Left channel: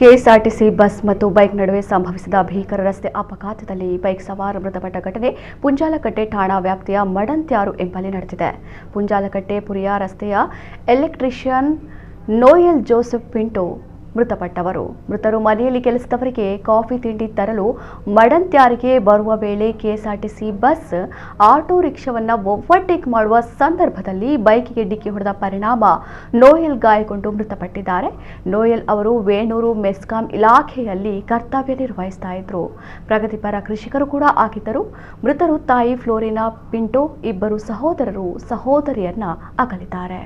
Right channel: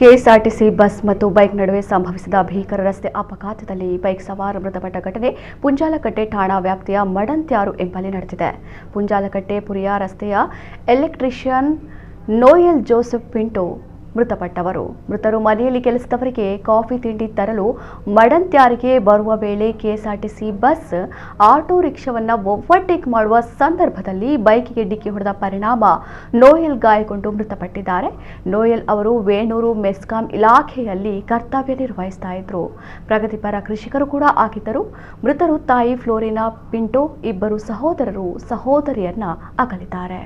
KSRTC bus ಮತ್ತು bike ನಡುವೆ ಸಂಭವಿಸಿದ ಭೀಕರ ರಸ್ತೆ ಅಪಘಾತದಲ್ಲಿ ಬೈಕ್ ಸವಾರ ಮೃತಪಟ್ಟ ಘಟನೆ ಪುಂಜಾಲಕಟ್ಟೆ ಠಾಣಾ ವ್ಯಾಪ್ತಿಯ ಮಡಂತ್ಯಾರು ಎಂಬಲ್ಲಿ ನಡೆದಿದೆ. ಪುಂಜಾಲಕಟ್ಟೆ ಪುರಿಯ ರಸ್ತೆಯ ಎಲೆಕ್ಟ್ರಿಷಿಯನ್ ನೋಯಲ್ ಜೋಸೆಫ್ ಪಿಂಟೋ ಮೃತಪಟ್ಟವರು. ಮೃತರು ಮನೆಯಲ್ಲಿ ಕೆಲಸದವರಿಗೆ ಕಾಫಿ ತಿಂಡಿ ತರಲು ಮಡಂತ್ಯಾರಿಗೆ ಬರುವ ವೇಳೆ ಕೆಎಸ್ಆರ್ಟಿಸಿ ಬಸ್ ಆಟೋ ರಿಕ್ಷಾವನ್ನು ಓವರ್ಟೇಕ್ ಮಾಡುವ ಸಂದರ್ಭದಲ್ಲಿ ಬೈಕಿಗೆ ಡಿಕ್ಕಿ ಹೊಡೆದ ಪರಿಣಾಮ ನೋಯಲ್ ಗಾಯಗೊಂಡು ಮೃತಪಟ್ಟಿದ್ದಾರೆ. ನೋಯಲ್ ಅವರು ವೇಣೂರು ಮೆಸ್ಕಾಂ ಇಲಾಖೆಯಲ್ಲಿ ಕರ್ತವ್ಯ ನಿರ್ವಹಿಸ್ತಾ ಇದ್ರು. ಪ್ರಗತಿಪರ ಕೃಷಿಕರು ಕೂಡ ಆಗಿದ್ದರು. ಮೃತರು ತಾಯಿ ಫ್ಲೋರಿನಾ ಪಿಂಟೋ, ಇಬ್ಬರು ಸಹೋದರರು ಸಹೋದರಿಯನ್ನ ಅಗಲಿದ್ದಾರೆ.